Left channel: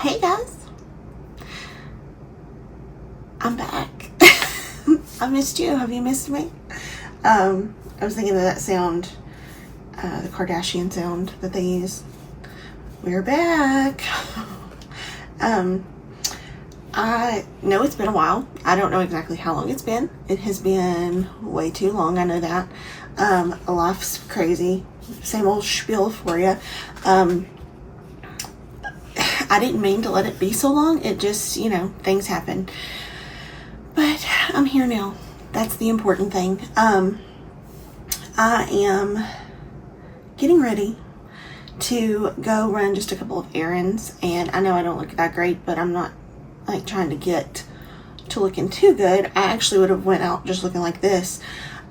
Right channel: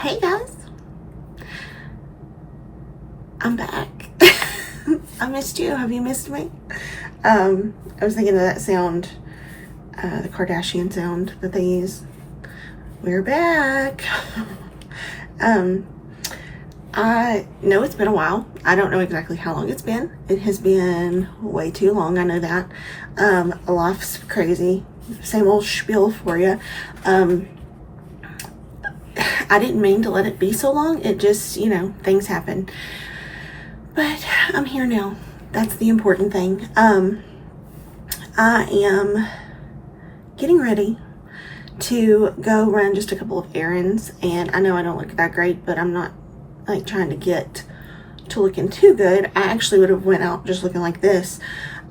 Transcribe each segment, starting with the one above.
Hey guys, I'm back. I missed you. Have you missed me? I was thinking of that sound, the Kardashian sound that they use. We're back. I know it's been a while. I don't know exactly how long it's been. It has been way too long. I know that. Life's crazy. Same old spiel for you. I didn't mean to let it be so long. It just, things happen. But I'm here now. That's the important thing. I am getting ready to go run just a couple of errands. And I know I don't look that great, but I'm not like trying to get to looking too good. I actually would have went out just looking like this.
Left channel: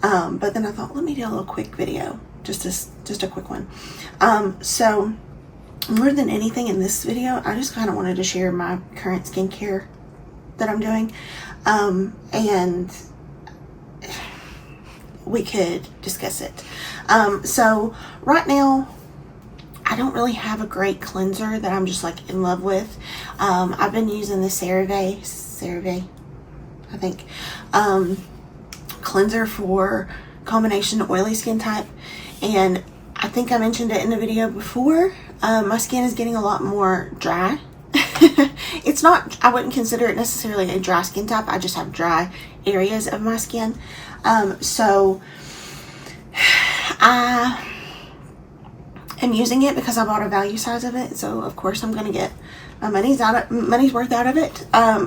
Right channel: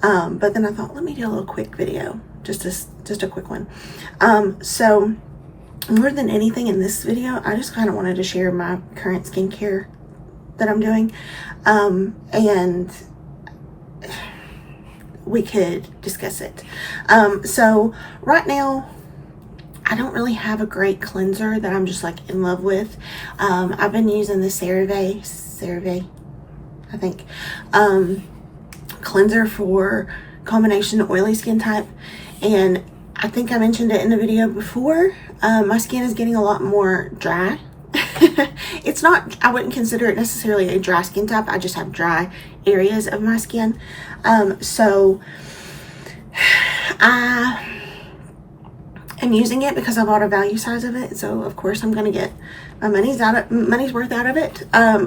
But then I thought, let me do a little quick video. Just a quick one. So more than anything in this video, I just kind of wanted to share my current skincare that I'm doing. And we could discuss it. So right now, I don't really have a great cleanser that I'm just like in love with. I've been using the Cerave, I think, cleanser for combination oily skin type. And I think I mentioned it in the video before. My skin is getting a lot more dry. It's not, I wouldn't consider it necessarily a dry skin type. I just have dry areas of my skin. So I am using it because I bought a value size of it. So of course I'm going to get my money's worth out of it.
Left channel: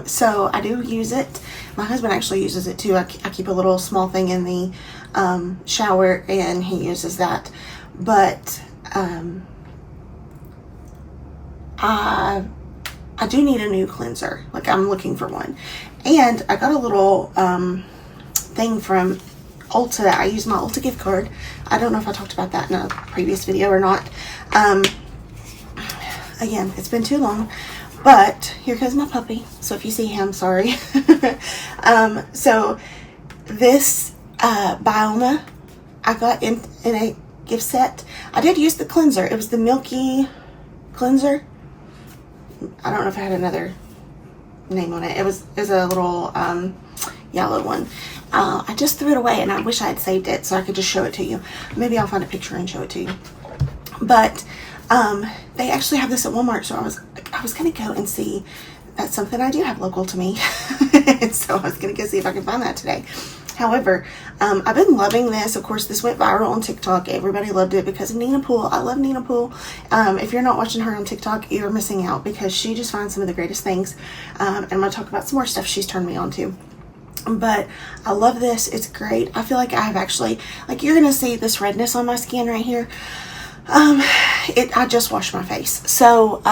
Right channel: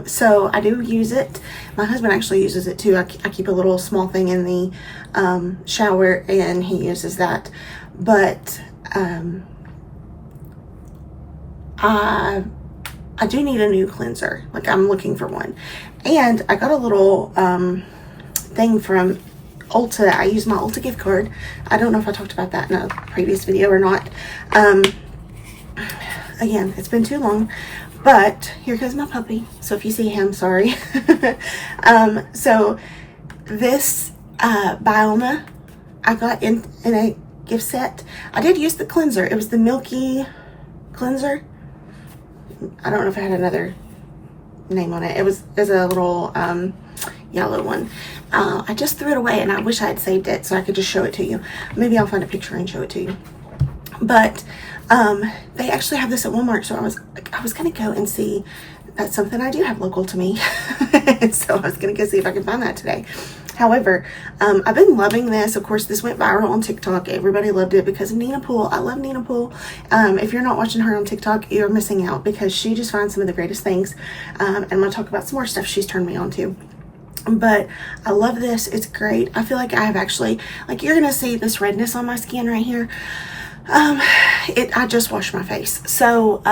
So I do use it. My husband actually uses it too. I keep a little small thing in the shower and he uses that. But I do need a new cleanser. Like I'm looking for one. And I got a little thing from Ulta. I use my Ulta gift card. I don't know if I talked about that in a previous video or not. Again, it's been too long. But here goes my puppy. So if you see him, sorry. So this Byoma I got in a gift set. I did use the cleanser. It was the Milky cleanser. I don't know if it had another name on it. It was a little yellow one. I just threw it away and I wish I had saved it so I could just show it to you. Maybe I'll find a picture and show it to you. But they actually have this at Walmart, so I was gonna go and see. That's something I do have local to me. And so I was gonna go see if I could find that today. However, I've been loving this. Of course, this went viral on TikTok. Everybody loved it because of Nina Poole. I love Nina Poole. If you're not watching her on TikTok, you're missing out because she just finds some of the greatest things. And I'm going to talk about some more stuff she's turned me on to. But I love this. It's great. I feel like I have actually, like you're going to see this redness on my skin right here. I just washed my face. So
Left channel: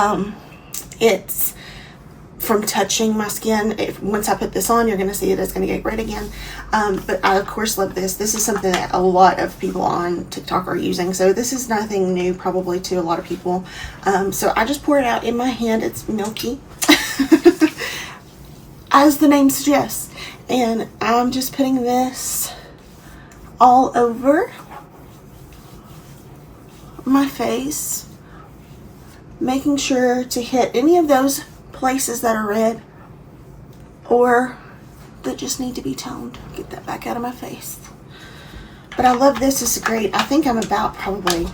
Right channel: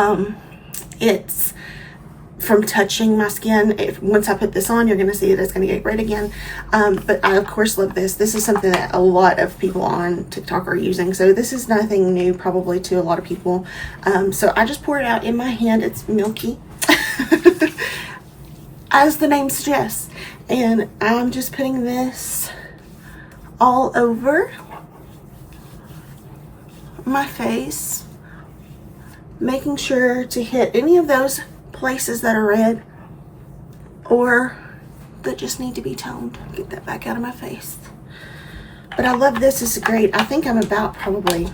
it's from touching my skin. Once I put this on, you're going to see that it's going to get red again. But I of course love this. This is something that a lot of people on TikTok are using. So this is nothing new probably to a lot of people. So I just pour it out in my hand. It's Milky, as the name suggests. And I'm just putting this all over my face, making sure to hit any of those places that are red or that just need to be toned. Get that back out of my face. But I love this. It's great. I think I'm about probably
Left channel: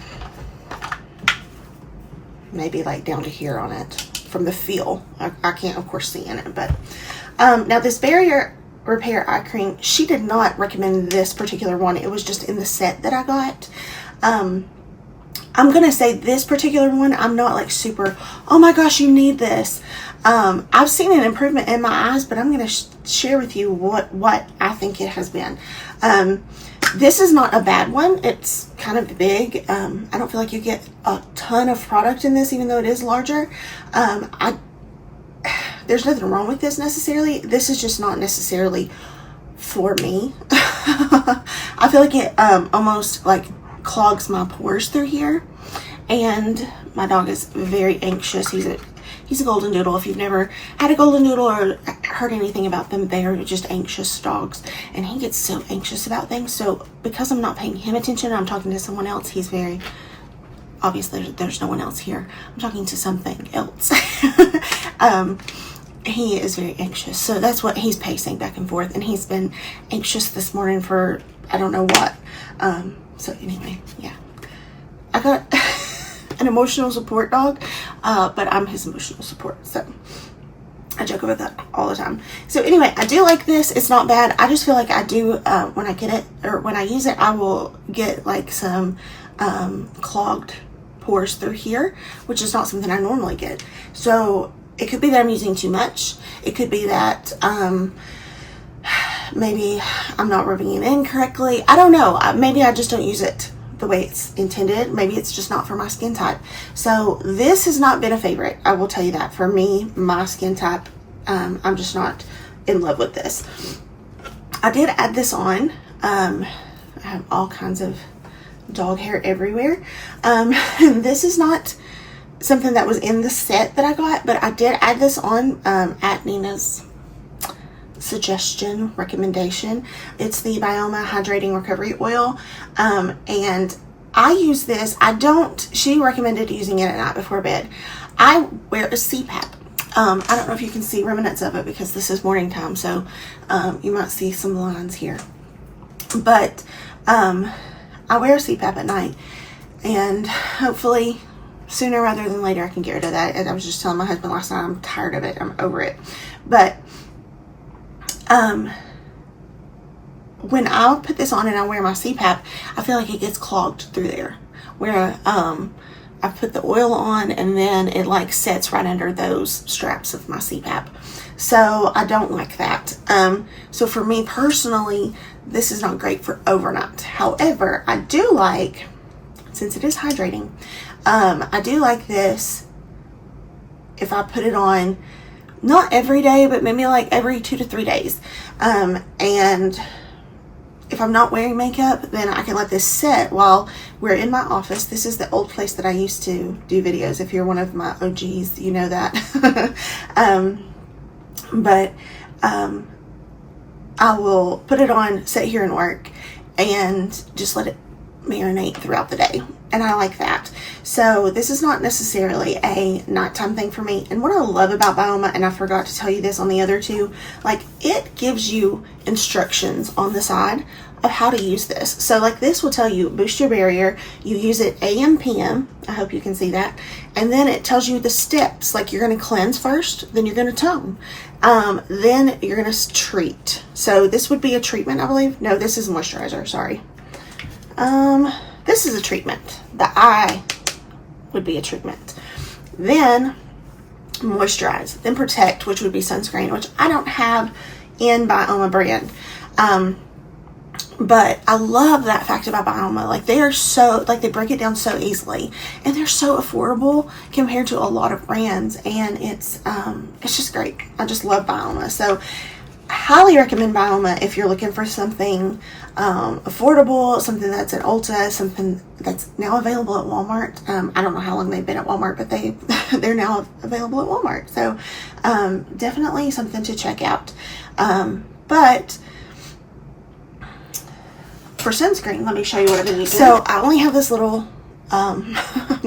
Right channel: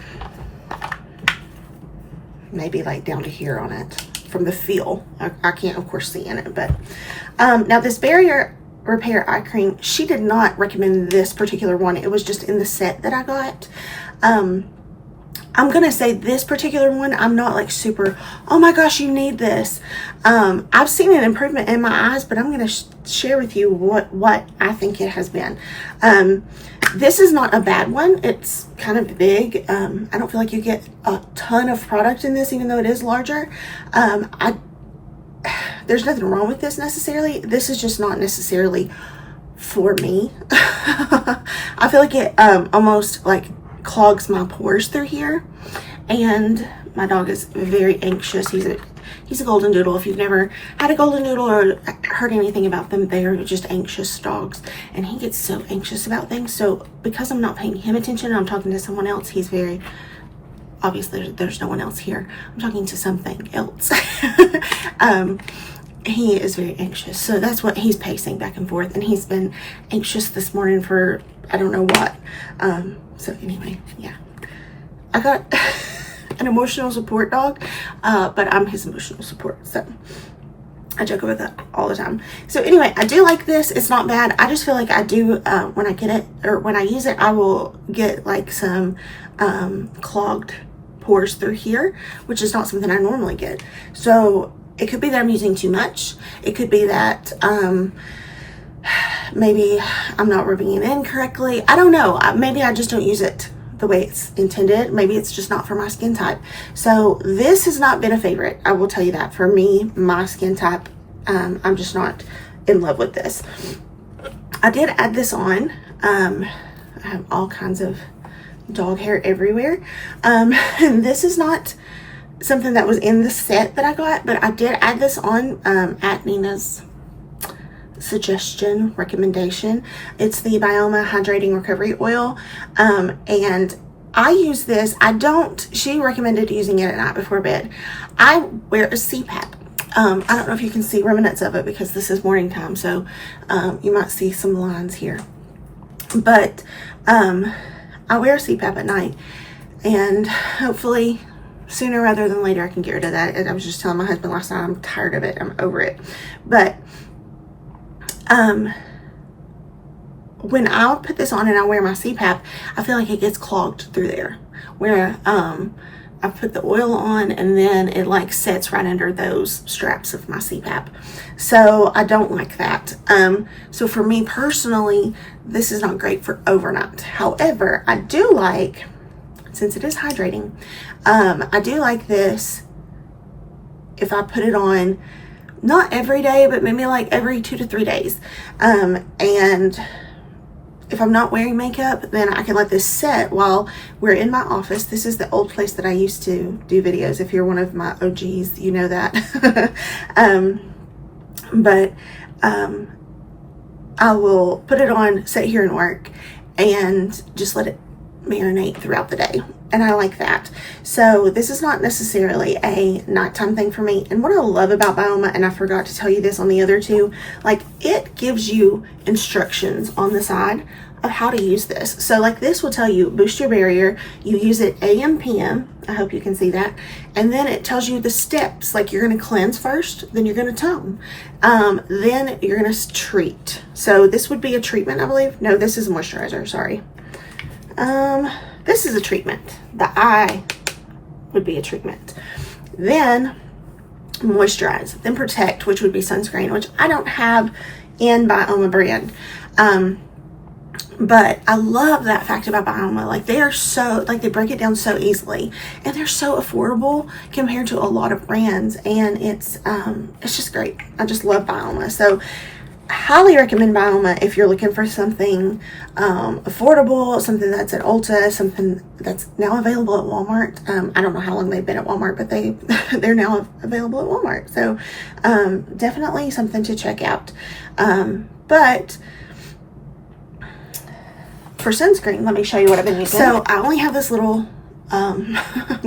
maybe like down to here on it from the feel. I can't of course see in it, but now this barrier repair eye cream, she did not recommend this particular one. It was just in the set that I got. I'm gonna say this particular one, I'm not like super, oh my gosh, you need this. I've seen an improvement in my eyes, but I'm gonna share with you what I think it has been. This is not a bad one. It's kind of big. I don't feel like you get a ton of product in this, even though it is larger. There's nothing wrong with this necessarily. This is just not necessarily for me. I feel like it almost like clogs my pores through here, and my dog is very anxious. He's a golden doodle. If you've never had a golden doodle or heard anything about them, they are just anxious dogs, and he gets so anxious about things. So because I'm not paying him attention, I'm talking to someone else, he's very obviously there's no one else here. I'm talking to something else. He is very anxious, so that's what he's pacing back and forth, and he's been anxious this morning for I don't know what. So anyway, yeah, I got an emotional support dog, but I'm his emotional support, so I joke about that all the time. So anyway, I do like this. It's not bad. I just feel like I do, when I get it, or when I use it, I will get like some clogged pores through here, which is not something I normally get. So it could be that I'm using too much. It could be that maybe I'm not rubbing it in correctly. I don't know. Maybe I just don't use it the way it's intended. Maybe it's just not for my skin type. So this has not been a favorite. I will tell you that. For me, my skin type, I'm just not in love with this. I did add this on. I have all kinds of dog hair everywhere. This is not something that was in the set that I got, but I did add this on at Nina's suggestion, recommendation. It's the Byoma Hydrating Recovery Oil, and I use this. She recommended using it at night before bed. I wear a CPAP. I don't know if you can see remnants of it because this is morning time, so you might see some lines here, but I wear a CPAP at night, and hopefully sooner rather than later I can get rid of that. And I was just telling my husband last night, I'm tired of it. I'm over it. But when I put this on and I wear my CPAP, I feel like it gets clogged through there, where I put the oil on and then it like sets right under those straps of my CPAP. So I don't like that. So for me personally, this is not great for overnight. However, I do like, since it is hydrating, I do like this if I put it on, not every day, but maybe like every 2 to 3 days. And if I'm not wearing makeup, then I can let this set while we're in my office. This is the old place that I used to do videos. If you're one of my OGs, you know that. I will put it on, sit here and work, and just let it marinate throughout the day. And I like that. So this is not necessarily a nighttime thing for me. And what I love about Byoma, and I forgot to tell you this on the other two, like it gives you instructions on the side of how to use this. So like this will tell you boost your barrier. You use it AM, PM. I hope you can see that. And then it tells you the steps. Like you're going to cleanse first, then you're going to tone. Then you're going to treat. So this would be a treatment, I believe. No, this is a moisturizer. Sorry. This is a treatment. The eye would be a treatment. Then moisturize, then protect, which would be sunscreen, which I don't have in Byoma brand. But I love that fact about Byoma. Like they are so, like they break it down so easily, and they're so affordable compared to a lot of brands, and it's just great. I just love Byoma. So highly recommend Byoma if you're looking for something affordable, something that's at Ulta, something that's now available at Walmart. I don't know how long they've been at Walmart, but they're now available at Walmart. So definitely something to check out. But for sunscreen, let me show you what I've been using. So I only have this little I'm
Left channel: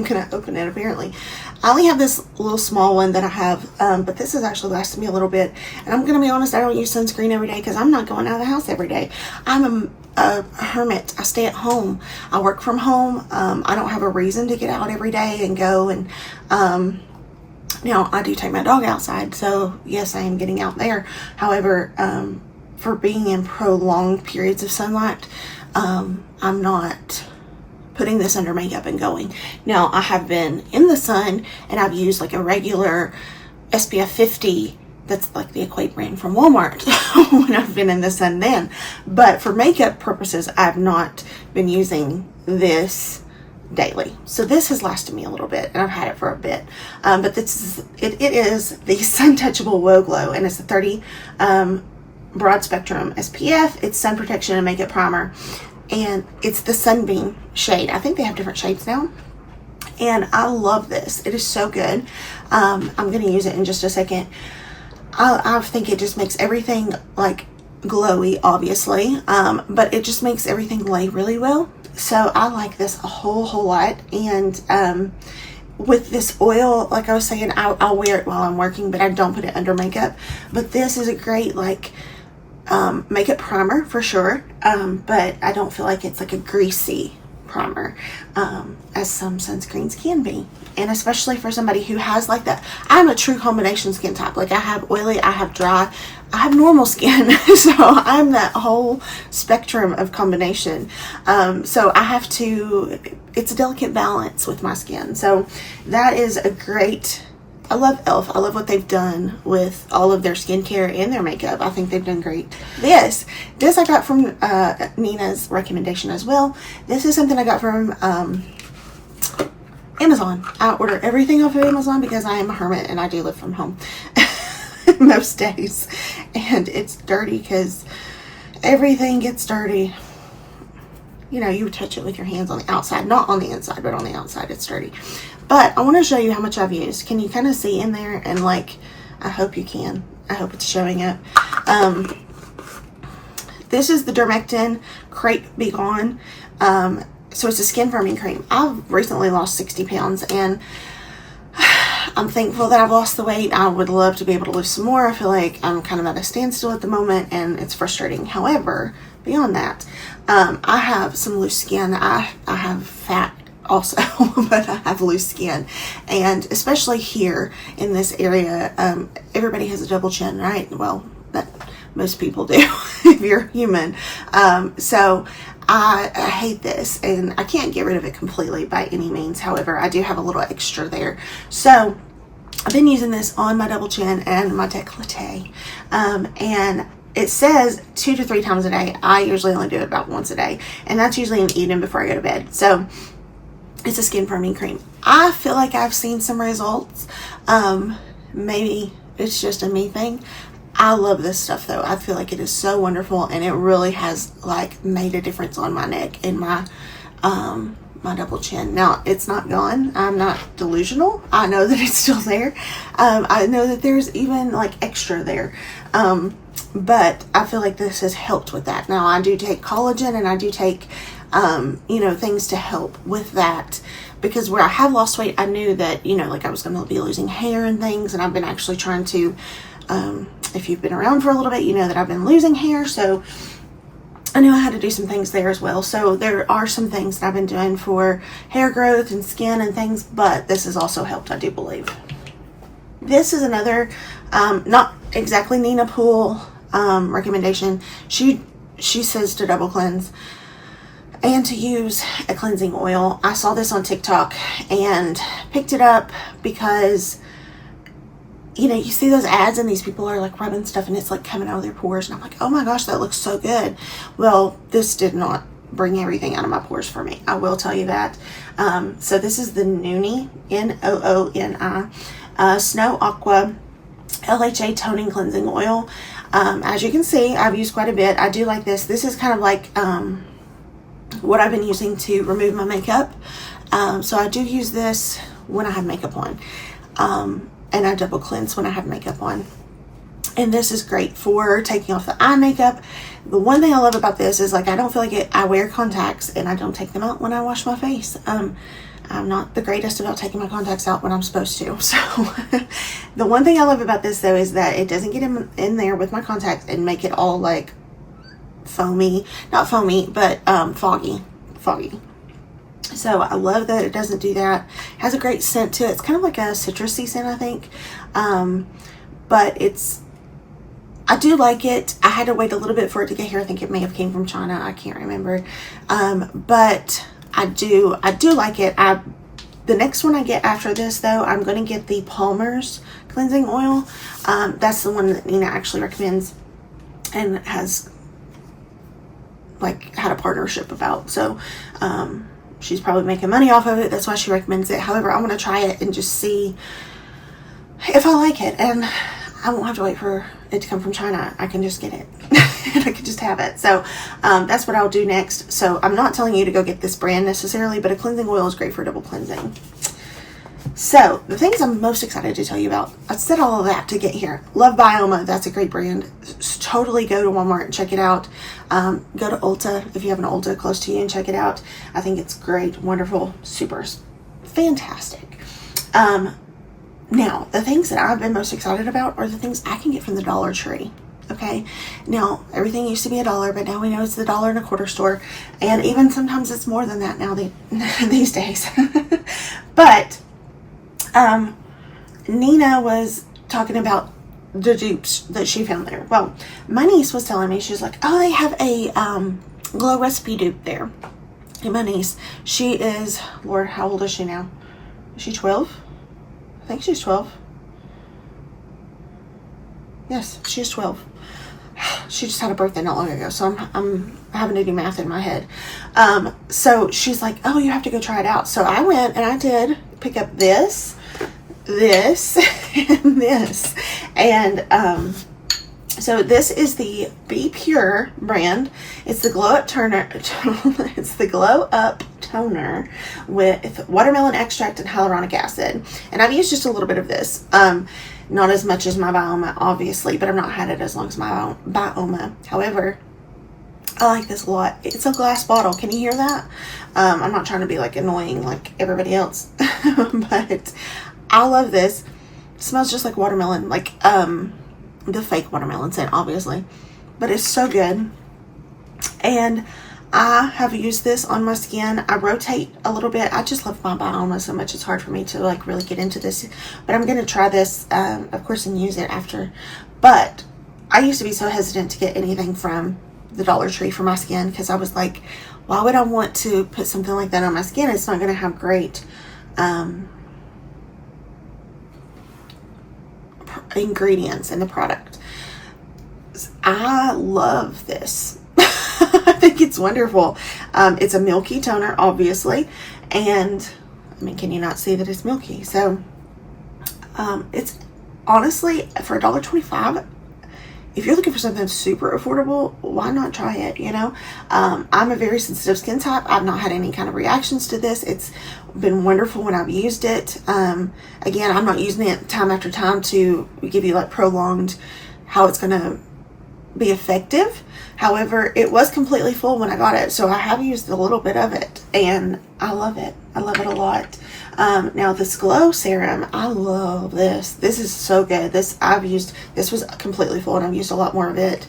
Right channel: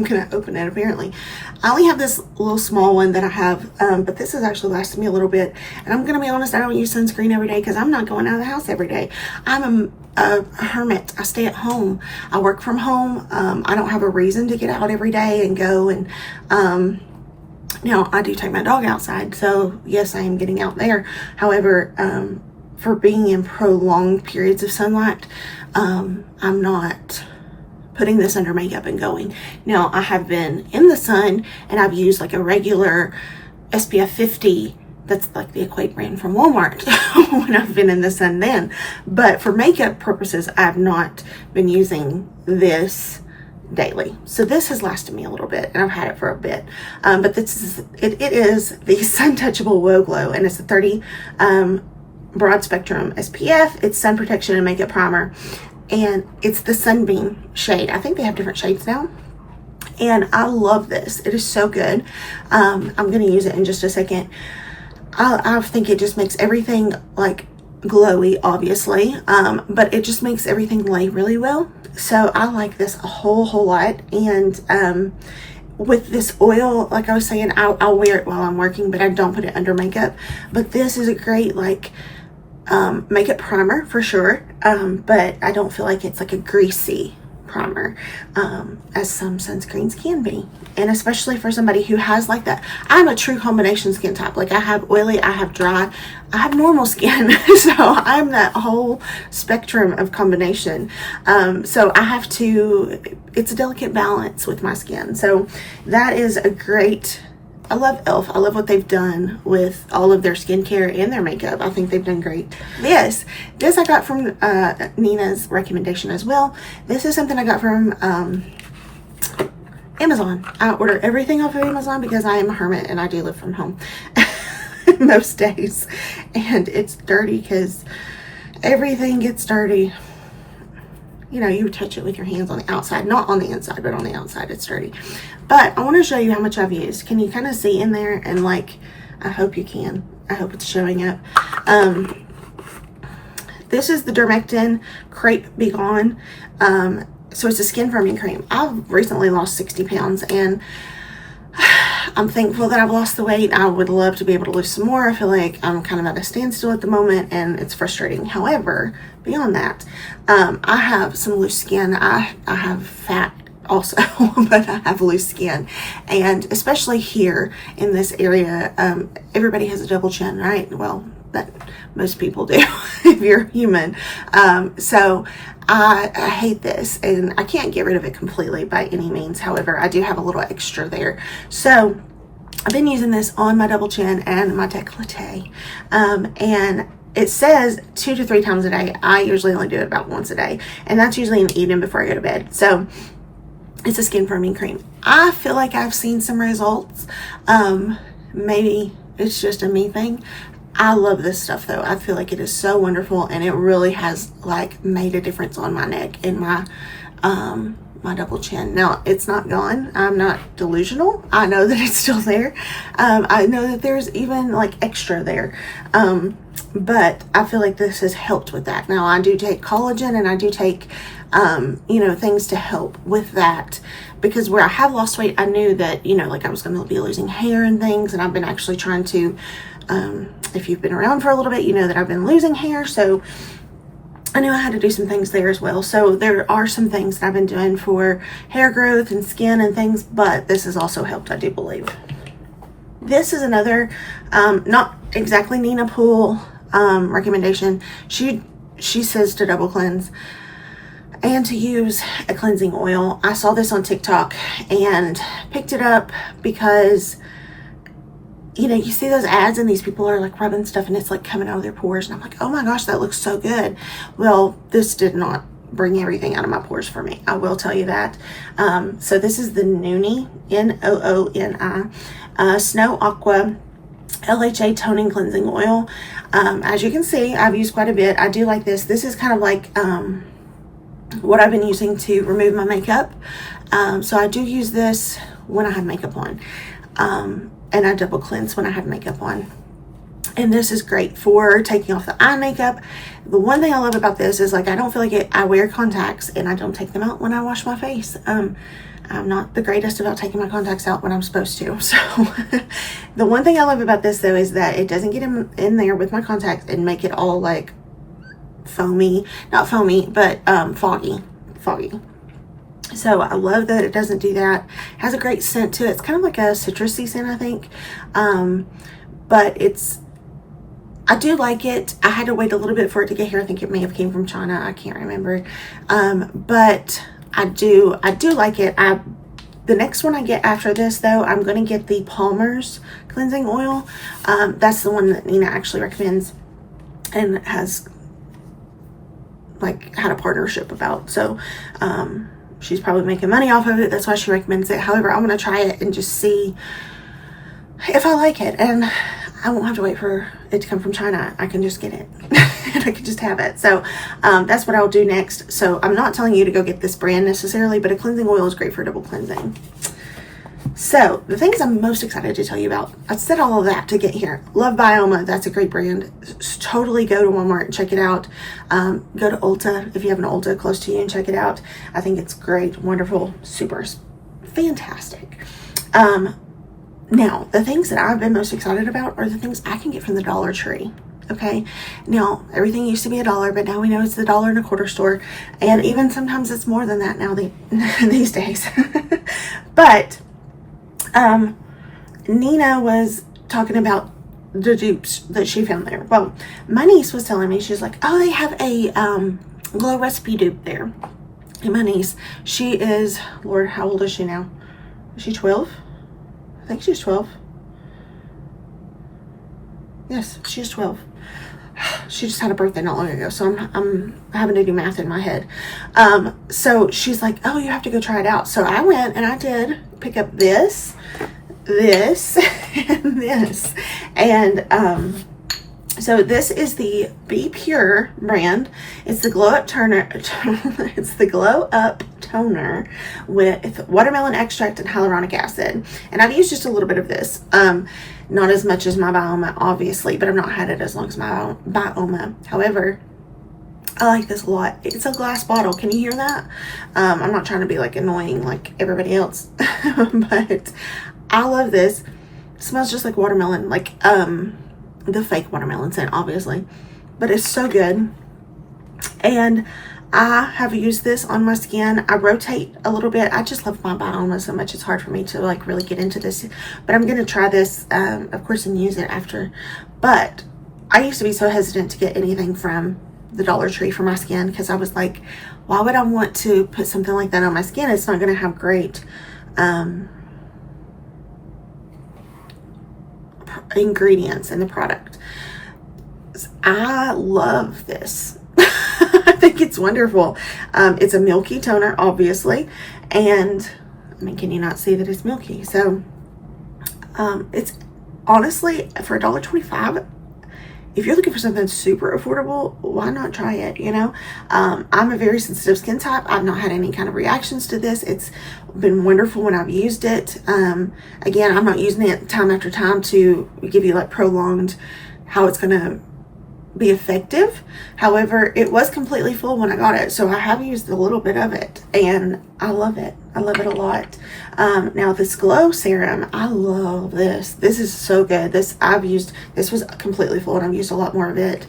gonna open it apparently. I only have this little small one that I have, but this has actually lasted me a little bit. And I'm gonna be honest, I don't use sunscreen every day because I'm not going out of the house every day. I'm a hermit. I stay at home. I work from home. I don't have a reason to get out every day and go. And now I do take my dog outside, so yes, I am getting out there. However, for being in prolonged periods of sunlight, I'm not putting this under makeup and going. Now I have been in the sun and I've used like a regular SPF 50, that's like the Equate brand from Walmart when I've been in the sun then. But for makeup purposes, I've not been using this daily. So this has lasted me a little bit, and I've had it for a bit. But this is, it is the Sun Touchable Wow Glow, and it's a 30 broad spectrum SPF. It's sun protection and makeup primer, and it's the Sunbeam shade. I think they have different shades now, and I love this. It is so good. I'm gonna use it in just a second. I think it just makes everything like glowy, obviously, but it just makes everything lay really well. So I like this a whole lot. And with this oil, like I was saying, I'll wear it while I'm working, but I don't put it under makeup. But this is a great like makeup primer for sure, but I don't feel like it's like a greasy primer, as some sunscreens can be. And especially for somebody who has like that, I'm a true combination skin type. Like I have oily, I have dry, I have normal skin. So I'm that whole spectrum of combination. So I have to, it's a delicate balance with my skin. So that is a great, I love e.l.f. I love what they've done with all of their skincare and their makeup. I think they've done great. This I got from Nina's recommendation as well. This is something I got from Amazon. I order everything off of Amazon because I am a hermit and I do live from home most days. And it's dirty because everything gets dirty. You know, you would touch it with your hands on the outside, not on the inside, but on the outside it's dirty. But I want to show you how much I've used. Can you kind of see in there? And like, I hope you can. I hope it's showing up. This is the Dermectin Crepe Be Gone. So it's a skin firming cream. I've recently lost 60 pounds and I'm thankful that I've lost the weight. I would love to be able to lose some more. I feel like I'm kind of at a standstill at the moment and it's frustrating. However, beyond that, I have some loose skin. I have fat also, but I have loose skin. And especially here in this area, everybody has a double chin, right? Well, that most people do if you're human. So I hate this and I can't get rid of it completely by any means. However, I do have a little extra there. So I've been using this on my double chin and my décolleté. And it says 2 to 3 times a day. I usually only do it about once a day. And that's usually in the evening before I go to bed. So it's a skin firming cream. I feel like I've seen some results. Maybe it's just a me thing. I love this stuff though. I feel like it is so wonderful and it really has like made a difference on my neck and my my double chin. Now it's not gone. I'm not delusional. I know that it's still there. I know that there's even like extra there. But I feel like this has helped with that. Now I do take collagen and I do take you know, things to help with that, because where I have lost weight, I knew that, you know, like I was going to be losing hair and things, and I've been actually trying to, if you've been around for a little bit, you know that I've been losing hair, so I knew I had to do some things there as well. So there are some things that I've been doing for hair growth and skin and things, but this has also helped, I do believe. This is another, not exactly Nina Poole recommendation. She says to double cleanse and to use a cleansing oil. I saw this on TikTok and picked it up because, you know, you see those ads and these people are like rubbing stuff and it's like coming out of their pores, and I'm like, oh my gosh, that looks so good. Well, this did not bring everything out of my pores for me, I will tell you that. So this is the Nooni, Nooni, Snow Aqua LHA Toning Cleansing Oil. As you can see, I've used quite a bit. I do like this. This is kind of like what I've been using to remove my makeup. So I do use this when I have makeup on. And I double cleanse when I have makeup on. And this is great for taking off the eye makeup. The one thing I love about this is like I don't feel like it. I wear contacts and I don't take them out when I wash my face. I'm not the greatest about taking my contacts out when I'm supposed to. So the one thing I love about this though is that it doesn't get in there with my contacts and make it all like foamy, not foamy, but foggy. So I love that it doesn't do that. It has a great scent to it. It's kind of like a citrusy scent, I think. But I do like it. I had to wait a little bit for it to get here. I think it may have came from China. I can't remember. But I do like it. The next one I get after this though, I'm going to get the Palmer's cleansing oil. That's the one that Nina actually recommends and has like had a partnership about. So she's probably making money off of it. That's why she recommends it. However, I want to try it and just see if I like it. And I won't have to wait for it to come from China. I can just get it and I can just have it. So that's what I'll do next. So I'm not telling you to go get this brand necessarily, but a cleansing oil is great for double cleansing. So the things I'm most excited to tell you about, I said all of that to get here. Love Byoma. That's a great brand. Totally go to Walmart and check it out. Go to Ulta if you have an Ulta close to you and check it out. I think it's great, wonderful, super fantastic. Now, the things that I've been most excited about are the things I can get from the Dollar Tree. Okay, now everything used to be $1, but now we know it's the $1.25 store, and even sometimes it's more than that now these days. But Nina was talking about the dupes that she found there. Well, my niece was telling me, she's like, oh, they have a glow recipe dupe there. And my niece, she is, Lord, how old is she now? Is she 12? I think she's 12. Yes, she's 12. She just had a birthday not long ago, so I'm having to do math in my head. So she's like, oh, you have to go try it out. So I went and I did pick up this, and this. And so this is the Be Pure brand. It's the Glow Up Toner. It's the Glow Up Toner with watermelon extract and hyaluronic acid. And I've used just a little bit of this. Not as much as my Byoma, obviously, but I've not had it as long as my Byoma. However, I like this a lot. It's a glass bottle. Can you hear that? I'm not trying to be like annoying like everybody else, but I love this. It smells just like watermelon, like the fake watermelon scent, obviously, but it's so good. And I have used this on my skin. I rotate a little bit. I just love my Byoma so much. It's hard for me to like really get into this, but I'm going to try this, of course, and use it after. But I used to be so hesitant to get anything from the Dollar Tree for my skin because I was like, why would I want to put something like that on my skin? It's not going to have great ingredients in the product. I love this. I think it's wonderful. It's a Milky toner, obviously, and I mean, can you not see that it's Milky? So it's honestly for $1.25. If you're looking for something super affordable, why not try it? You know, I'm a very sensitive skin type. I've not had any kind of reactions to this. It's been wonderful when I've used it. Again, I'm not using it time after time to give you like prolonged how it's going to be effective. However, it was completely full when I got it, so I have used a little bit of it and I love it. I love it a lot. Now this glow serum, I love this. This is so good. This was completely full and I've used a lot more of it.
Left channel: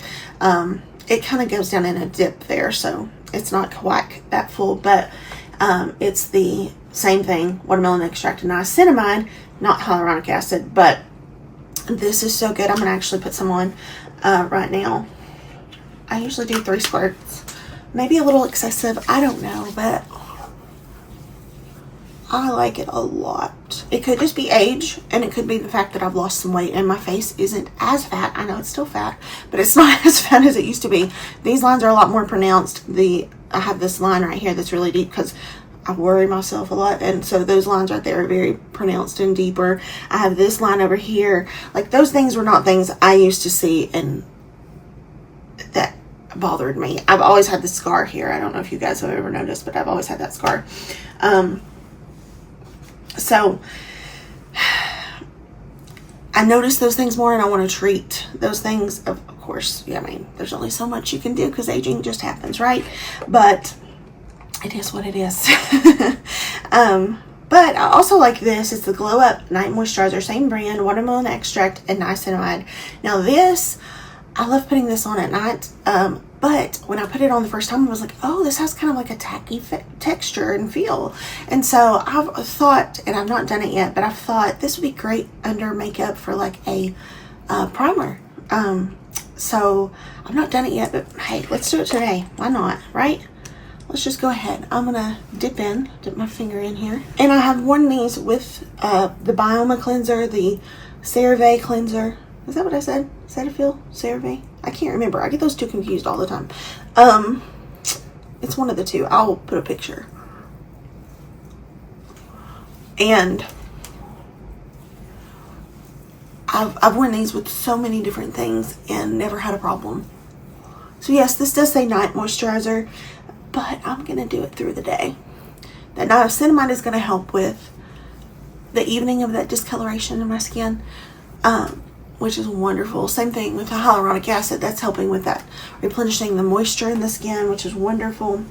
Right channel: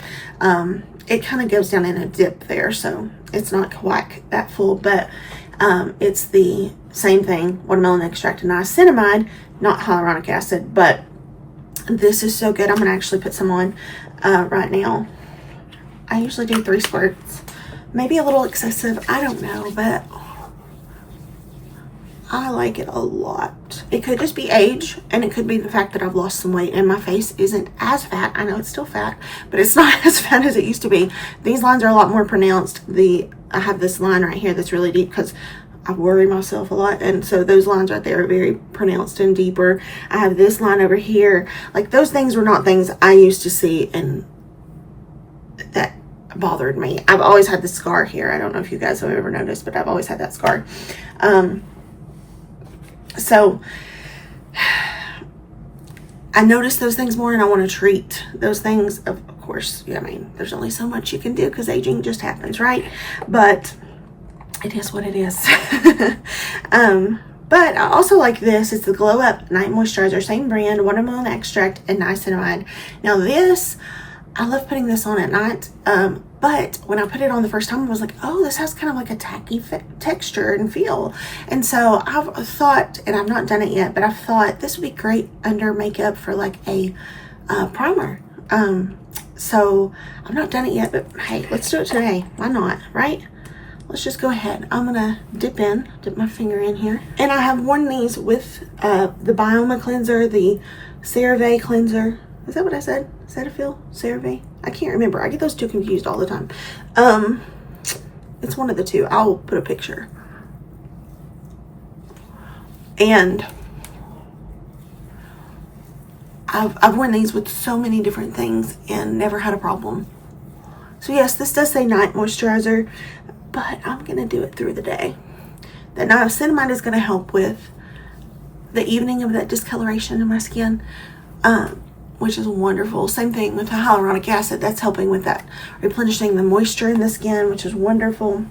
It kind of goes down in a dip there, so it's not quite that full, but it's the same thing, watermelon extract and niacinamide, not hyaluronic acid, but this is so good. I'm gonna actually put some on right now. I usually do 3 squirts, maybe a little excessive, I don't know, but I like it a lot. It could just be age, and it could be the fact that I've lost some weight and my face isn't as fat. I know it's still fat, but it's not as fat as it used to be. These lines are a lot more pronounced. I have this line right here that's really deep because I worry myself a lot, and so those lines right there are very pronounced and deeper. I have this line over here. Like, those things were not things I used to see, and that bothered me. I've always had the scar here. I don't know if you guys have ever noticed, but I've always had that scar. So I notice those things more, and I want to treat those things. Of course, yeah, I mean, there's only so much you can do because aging just happens, right? But it is what it is. But I also like this. It's the Glow Up Night Moisturizer, same brand, watermelon extract and niacinamide. Now this, I love putting this on at night. But when I put it on the first time, I was like, oh, this has kind of like a tacky texture and feel. And so I've thought, and I've not done it yet, but I've thought this would be great under makeup for like a primer. So I've not done it yet, but hey, let's do it today. Why not, right? Let's just go ahead. I'm gonna dip my finger in here. And I have worn these with the Byoma cleanser, the Cerave Cleanser. Is that what I said? Cetaphil? Cerave? I can't remember. I get those two confused all the time. It's one of the two. I'll put a picture. And I've worn these with so many different things and never had a problem. So yes, this does say night moisturizer, but I'm gonna do it through the day. That niacinamide is gonna help with the evening of that discoloration in my skin, which is wonderful. Same thing with the hyaluronic acid. That's helping with that, replenishing the moisture in the skin, which is wonderful.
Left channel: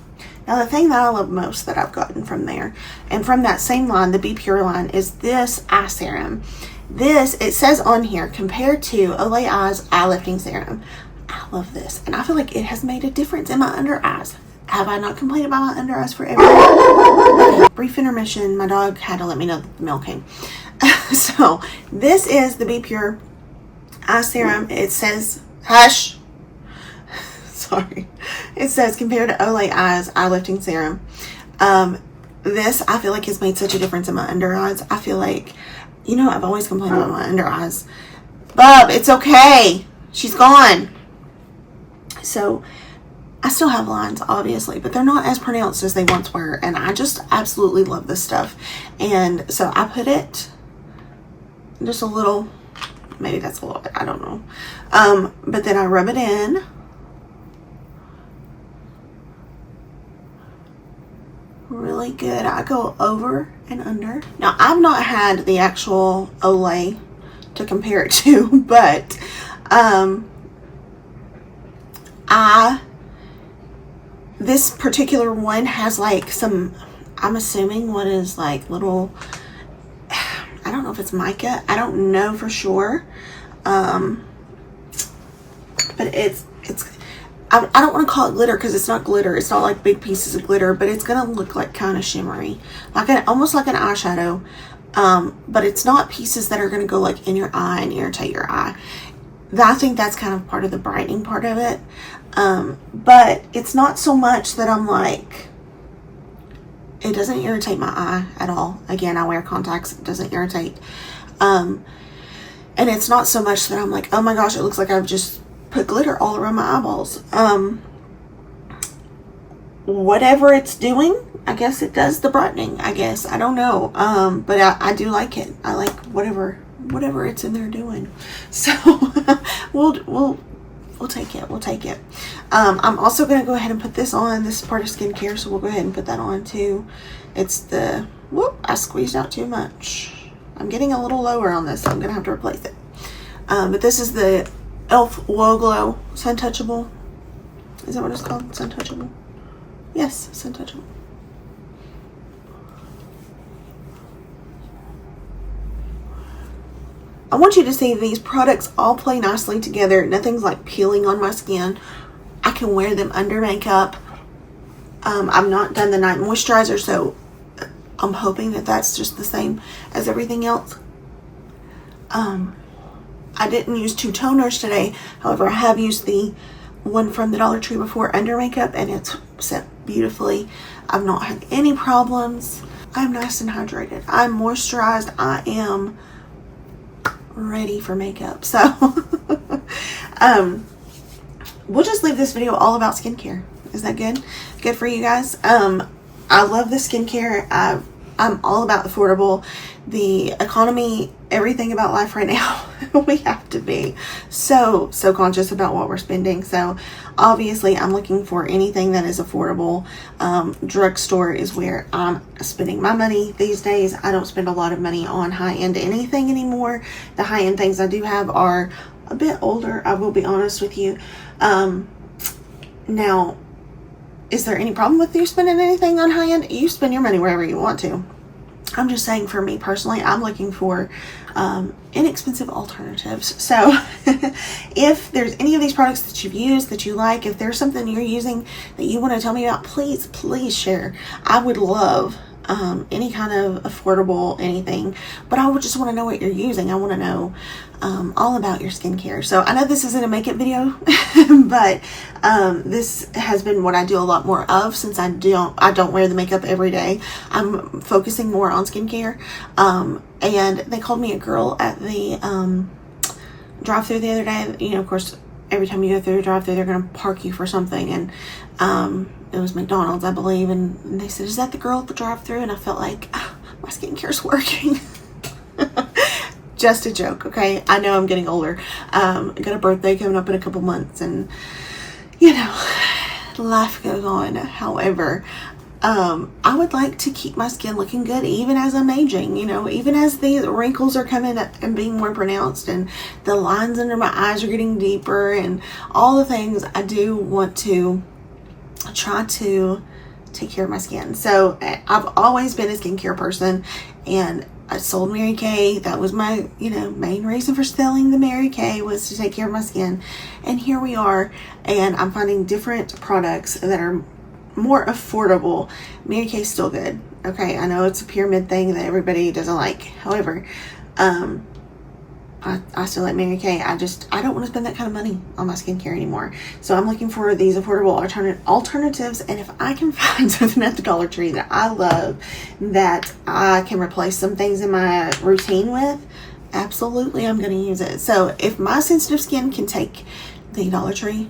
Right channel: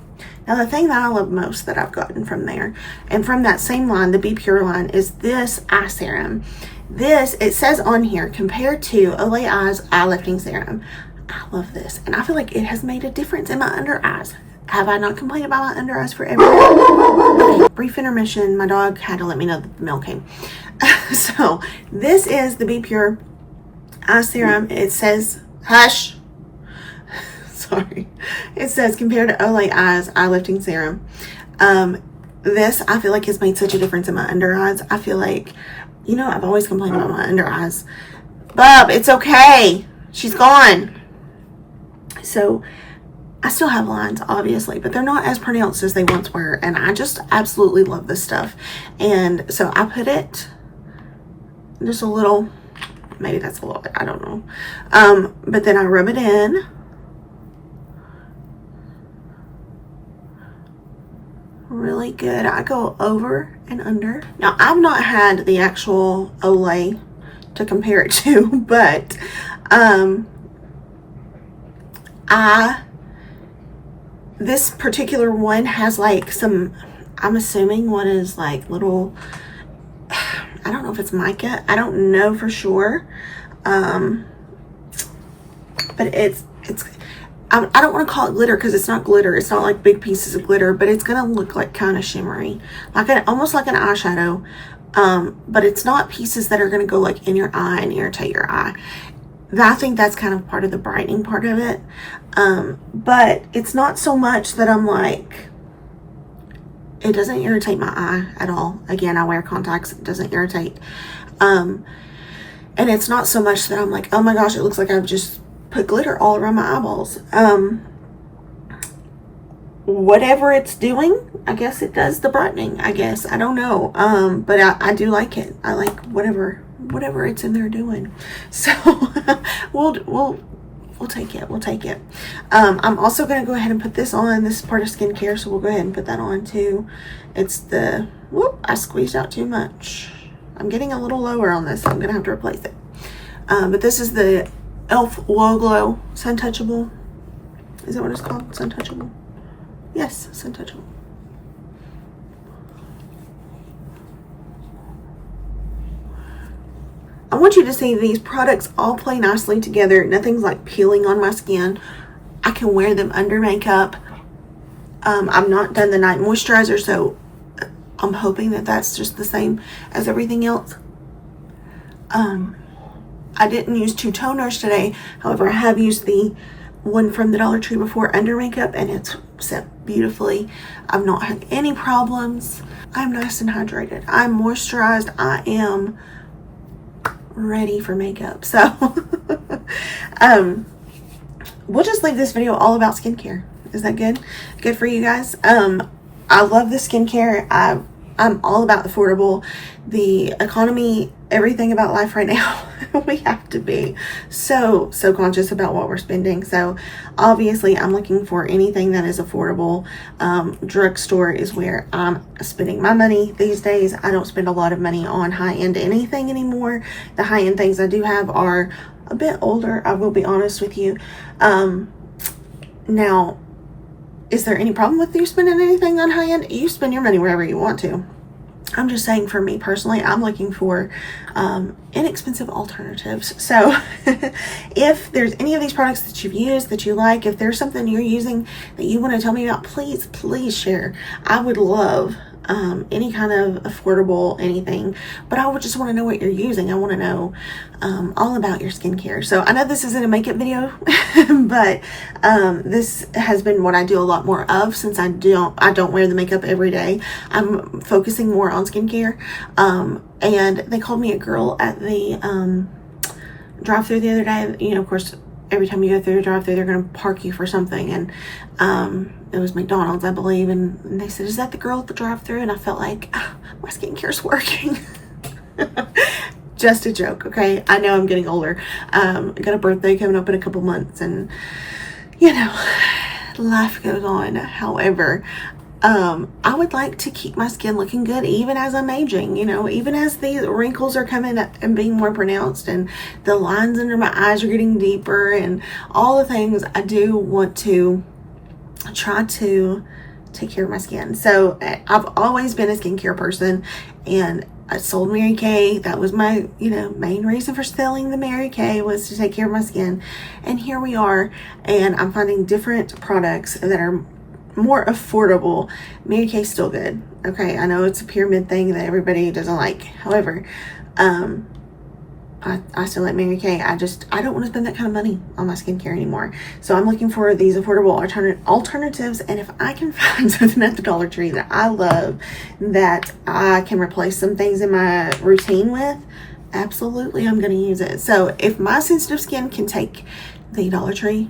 Now, the thing that I love most that I've gotten from there, and from that same line, the Be Pure line, is this eye serum. This, it says on here, compared to Olay Eyes Eye Lifting Serum. I love this, and I feel like it has made a difference in my under eyes. Have I not complained about my under eyes forever? Okay, brief intermission. My dog had to let me know that the mail came. So, this is the Be Pure Eye Serum. It says, hush. Sorry. It says, compared to Olay Eyes Eye Lifting Serum. This, I feel like, has made such a difference in my under eyes. I feel like, you know, I've always complained about my under eyes. Bub, it's okay. She's gone. So, I still have lines, obviously, but they're not as pronounced as they once were. And I just absolutely love this stuff. And so, I put it just a little, maybe that's a little bit, I don't know. But then I rub it in. Really good. I go over and under. Now, I've not had the actual Olay to compare it to, but this particular one has like some, I'm assuming what is like little, I don't know if it's mica. I don't know for sure. But it's I don't want to call it glitter because it's not glitter. It's not like big pieces of glitter, but it's going to look like kind of shimmery, like almost like an eyeshadow. But it's not pieces that are going to go like in your eye and irritate your eye. I think that's kind of part of the brightening part of it. But it's not so much that I'm like, it doesn't irritate my eye at all. Again, I wear contacts. It doesn't irritate. And it's not so much that I'm like, oh my gosh, it looks like I've just put glitter all around my eyeballs. Whatever it's doing, I guess it does the brightening, I guess. I don't know. But I do like it. I like whatever it's in there doing. So we'll take it. We'll take it. I'm also going to go ahead and put this on. This is part of skincare, so we'll go ahead and put that on too. It's the, whoop, I squeezed out too much. I'm getting a little lower on this, so I'm going to have to replace it. But this is the e.l.f. Whoa Glow Sun Touchable. Is that what it's called? Sun Touchable? Yes, Sun Touchable. I want you to see these products all play nicely together. Nothing's like peeling on my skin. I can wear them under makeup. I've not done the night moisturizer, so I'm hoping that that's just the same as everything else. I didn't use 2 toners today. However, I have used the one from the Dollar Tree before under makeup, and it's set beautifully. I've not had any problems. I'm nice and hydrated. I'm moisturized. I am ready for makeup. So we'll just leave this video all about skincare. Is that good? Good for you guys? I love the skincare. I'm all about affordable, the economy, everything about life right now. We have to be so conscious about what we're spending. So obviously I'm looking for anything that is affordable. Drugstore is where I'm spending my money these days. I don't spend a lot of money on high-end anything anymore. The high-end things I do have are a bit older, I will be honest with you. Now, is there any problem with you spending anything on high-end? You spend your money wherever you want to. I'm just saying, for me personally, I'm looking for inexpensive alternatives. So if there's any of these products that you've used that you like, if there's something you're using that you want to tell me about, please share. I would love any kind of affordable anything, but I would just want to know what you're using. I want to know all about your skincare. So I know this isn't a makeup video, but this has been what I do a lot more of, since I don't wear the makeup every day. I'm focusing more on skincare. And they called me a girl at the drive-thru the other day. You know, of course, every time you go through a drive-thru, they're going to park you for something. And it was McDonald's, I believe. And they said, "Is that the girl at the drive-thru?" And I felt like, my skincare's working. Just a joke, okay? I know I'm getting older. I got a birthday coming up in a couple months. And, you know, life goes on. However, I would like to keep my skin looking good even as I'm aging, you know, even as the wrinkles are coming and being more pronounced and the lines under my eyes are getting deeper and all the things. I do want to try to take care of my skin. So I've always been a skincare person, and I sold Mary Kay. That was my, you know, main reason for selling the Mary Kay, was to take care of my skin. And here we are, and I'm finding different products that are more affordable. Mary Kay's still good. Okay, I know it's a pyramid thing that everybody doesn't like. However, I still like Mary Kay. I don't want to spend that kind of money on my skincare anymore. So I'm looking for these affordable alternatives. And if I can find something at the Dollar Tree that I love, that I can replace some things in my routine with, absolutely, I'm going to use it. So if my sensitive skin can take the Dollar Tree,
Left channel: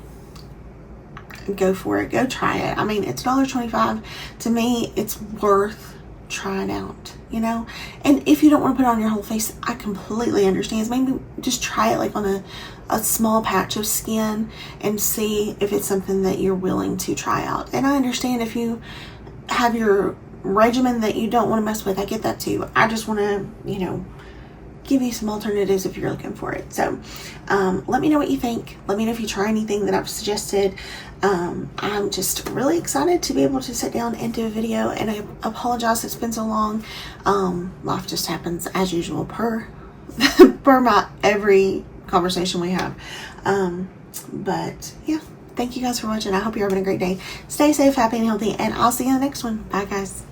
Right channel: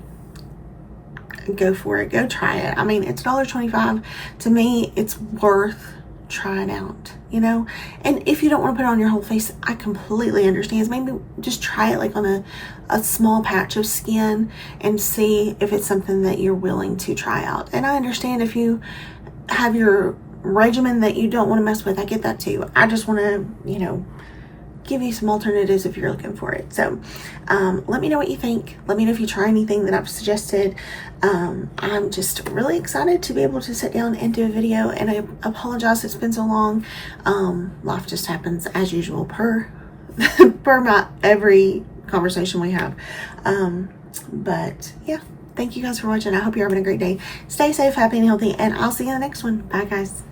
go for it. Go try it. I mean, it's $1.25. To me, it's worth trying out, you know. And if you don't want to put it on your whole face, I completely understand. Maybe just try it like on a small patch of skin and see if it's something that you're willing to try out. And I understand if you have your regimen that you don't want to mess with. I get that too. I just want to, you know, give you some alternatives if you're looking for it. So let me know what you think. Let me know if you try anything that I've suggested. I'm just really excited to be able to sit down and do a video, and I apologize it's been so long. Life just happens as usual per my every conversation we have. But yeah, thank you guys for watching. I hope you're having a great day. Stay safe, happy, and healthy, and I'll see you in the next one. Bye guys.